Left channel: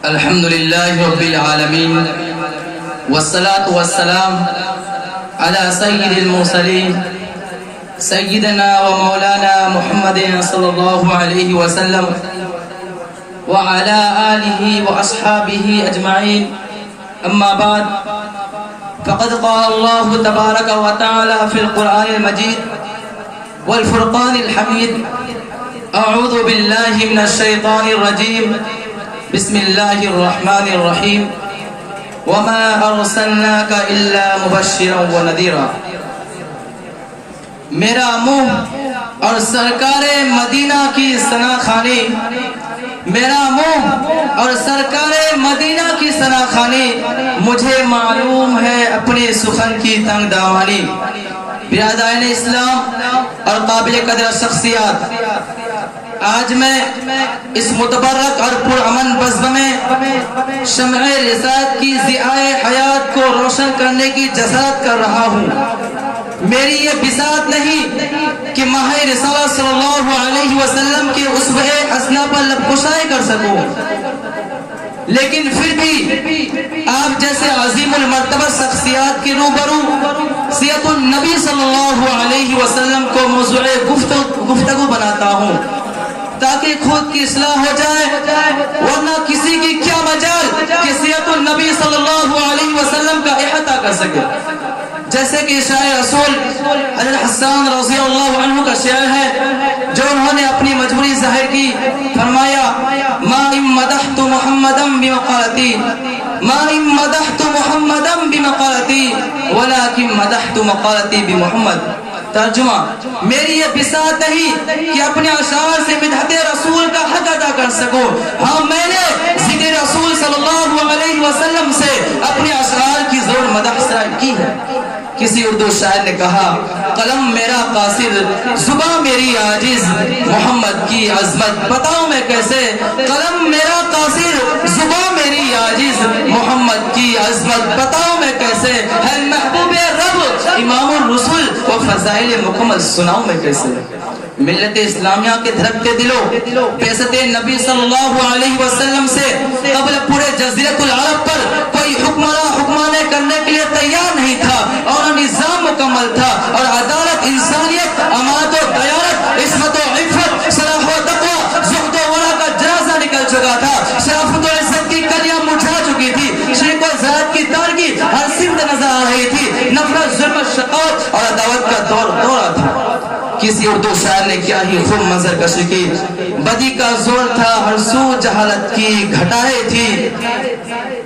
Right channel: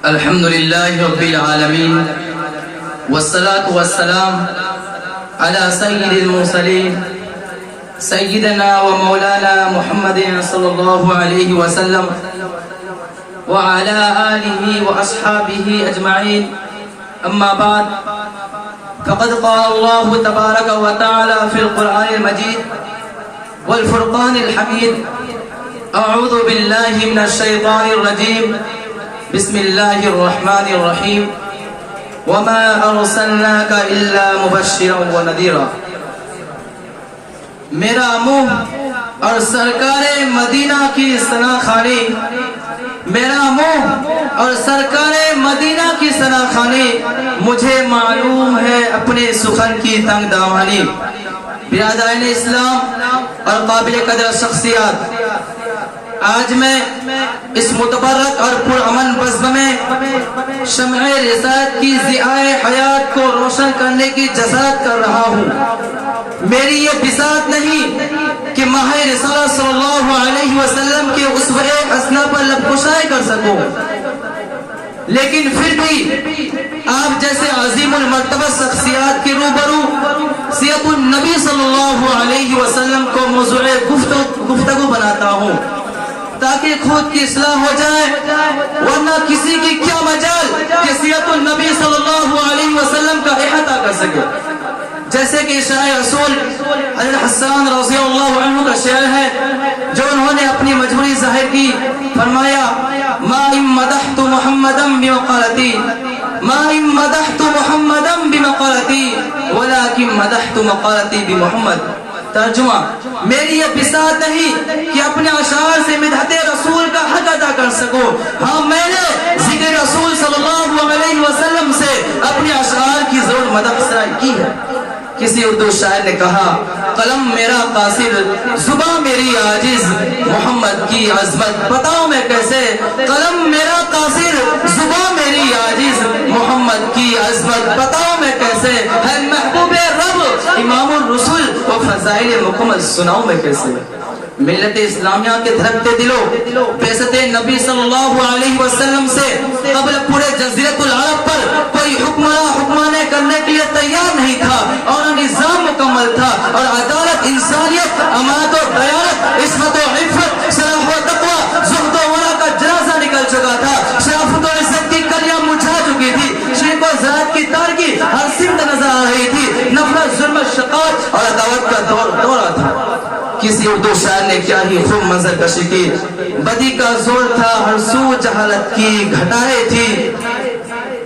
الحمد لله رب العالمين والصلاة والسلام على سيد المرسلين سيدنا ومولانا محمد صلى الله عليه وسلم وعلى آله وأصحابه أجمعين. أما بعد، فقد قال الله تبارك وتعالى في القرآن المجيد والفرقان الحميد: أعوذ بالله من الشيطان الرجيم، بسم الله الرحمن الرحيم، وما أرسلناك إلا مبشرا ونذيرا. میرا منہ اور سرکار مدینہ کی ثنا خوانی، میرا منہ اور سرکار مدینہ کی ثنا خوانی، مجھے معلوم ہے اپنے سخن کی تنگ دامانی. برادران اسلام اور قابل قدر شخصیات، آج میں اس متبرک اور پرامن بزم میں شمع رسالت کی ضیاء حیات کو روشن کرنے کی جسارت کر رہا ہوں. میری یہ بساط نہیں کہ ماہ رسالت صلی اللہ علیہ وسلم کے اسوہ حسنہ پر لب کشائی کر سکوں، لیکن پھر بھی آپ جیسے عظیم المرتبہ شخصیات کے روبرو سیرت النبی صلی اللہ علیہ وسلم کو موضوع گفتگو بناتا ہوں تاکہ خود کی اصلاح ہو جائے، ورنہ کسی کی کیا مجال کہ سیرت النبی صلی اللہ علیہ وسلم کا احاطہ کر سکے. جیسے کہ شاعر رسول حضرت حسان رضی اللہ عنہ کا شعر ہے جو انہوں نے اپنی مجبوری ظاہر کی. فرمایا: ما ان مدحت محمدا بمقالتی، ما ان مدحت محمدا بمقالتی ولكن مدحت مقالتی بمحمد. ترجمہ: میری یہ بساط نہیں کہ اپنے اشعار سے مدحت رسول کا حق ادا کر سکوں، ہاں میں نے ذکر رسول صلی اللہ علیہ وسلم سے اپنے اشعار کی ضرور مدح سرائی کی ہے. کسی اردو شاعر نے کہا: قلم میرا قاصر، زباں میری عاجز، محمد کی عظمت بتاؤں میں کیسے. قلم میرا قاصر، زباں میری عاجز، محمد کی عظمت بتاؤں میں کیسے. ہے محبوب رب امام الرسل و فضائل مکمل سناؤں میں کیسے. ملت اسلامیہ کے دھڑکتے دلوں بعثت نبی صلی اللہ علیہ وسلم سے قبل پورے جزیرۃ العرب پر کوئی حکمراں کرنے کے لیے تیار نہیں تھا، اور نظام مکمل تھا، اور عدالت، انسانیت، امانت و دیانت، عصمت و عفت، صلاح و تقوی، زہد و ورع کا جنازہ نکل چکا تھا. شرافت و عزت کی کلیاں مرجھا چکی تھی، شرک و زہد کی تارگی ہر سمت نظر آ رہی تھی. نفرت، ظلم، شقاوت اور عداوت کا دورہ تھا. کسی اردو شاعر نے کیا ہی خوب منظر کشی کی. بدی کا زور تھا، ہر سو جہالت کی گھٹائیں تھی،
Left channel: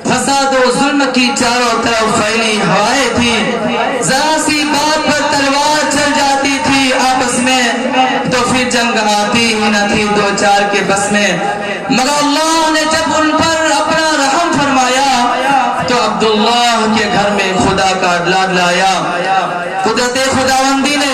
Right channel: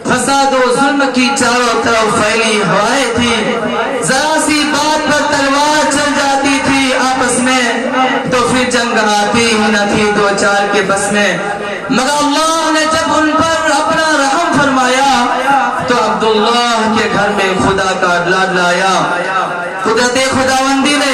فساد و ظلم کی چاروں طرف پھیلی ہوائیں تھی. ذرا سی بات پر تلوار چل جاتی تھی آپس میں، تو پھر جنگ آتی ہی نہ تھی دو چار کے بس میں. مگر اللہ نے جب ان پر اپنا رحم فرمایا تو عبداللہ کے گھر میں خدا کا لاڈ لایا. قدرت خداوندی نے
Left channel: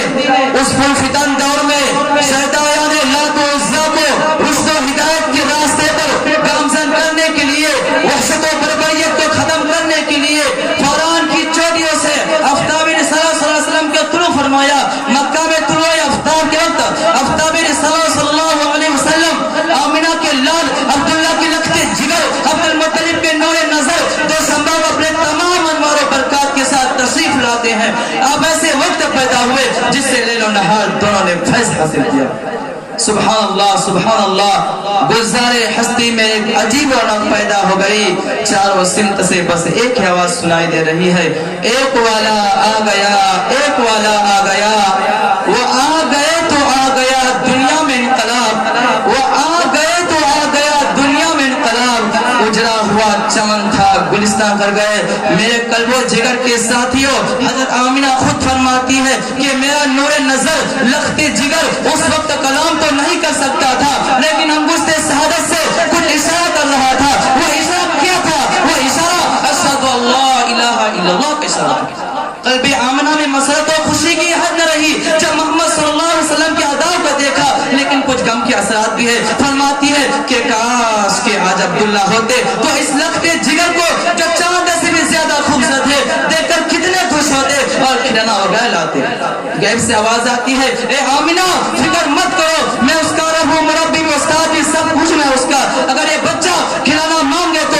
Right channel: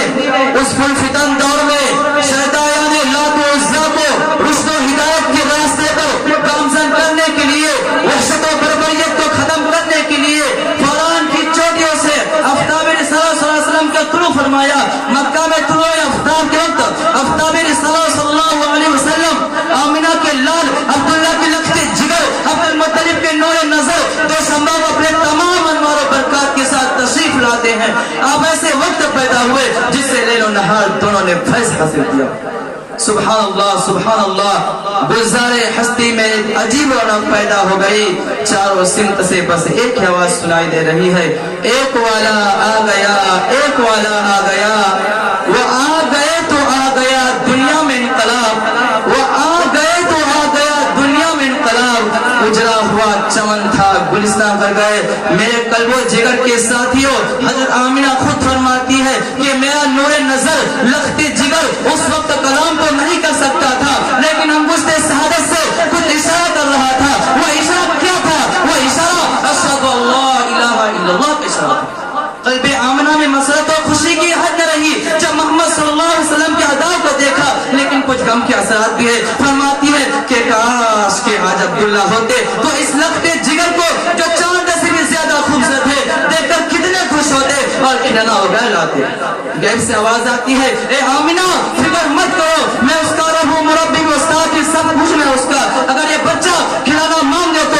اس پھل فتن دور میں شیطان لات و عزا کو رشد و ہدایت کے راستے پر گامزن کرنے کے لیے، وحشت و بربریت کو ختم کرنے کے لیے فوران کی چوٹیوں سے آفتاب رسالت صلی اللہ علیہ وسلم کا طلوع فرمایا. مکہ میں طلوع آفتاب کے وقت آفتاب رسالت صلی اللہ علیہ وسلم آمنہ کے لال عبداللہ کے لخت جگر، عبد المطلب کے نور نظر، دو سمباب اپنے تمام انوار و برکات کے ساتھ تشریف لاتے ہیں. آپ ایسے وقت پیدا ہوئے جس سے لیل و نہار دونوں نے فیض حاصل کیا. سبحان اللہ، سبحان اللہ. گلزار ہستی میں ایک عجیب رونق پیدا ہو گئی. چاروں سمت سے بس ایک ہی آواز سنائی دے رہی ہے: ایک والا آ گیا، ایک والا آ گیا. وہ آ گئے تو آ گیا دنیا میں انقلاب، وہ آ گئے تو آ گیا دنیا میں انقلاب. اجڑا ہوا چمن تھا گلستان کر گئے. میرے قلب و جگر کے ساتھیوں، حضرت آمنہ خود فرماتی ہے کہ میرا نور نظر لخت جگر اس وقت کلام تو نہیں کر سکتا تھا، لیکن انگشت شہادت سے کچھ اشارہ کر رہا تھا. وہ اشارہ کیا تھا؟ وہ اشارہ اشہد اللہ الہ الا اللہ کا اشارہ تھا. قلب آمنہ میں مسرت و خوشی کی حد نہ رہی جب محمد صلی اللہ علیہ وسلم کے اداء کو دیکھا، لیکن کچھ غم کے اثرات بھی ہے. فرماتی ہے کہ کاش کہ آج عبداللہ ہوتے تو اس لخت جگر کو جو چاند سے بھی زیادہ خوبصورت ہے دیکھ کر کتنے خوش ہوتے اور کھلانا وغیرہ لاتے. غیب سے آواز آتی ہے: اے آمنہ فکر مت کرو، میں اس کا رب ہوں، مربی، استاد بھی سب کچھ میں اس کا. اگر یہ بچہ کھلانا مانگے تو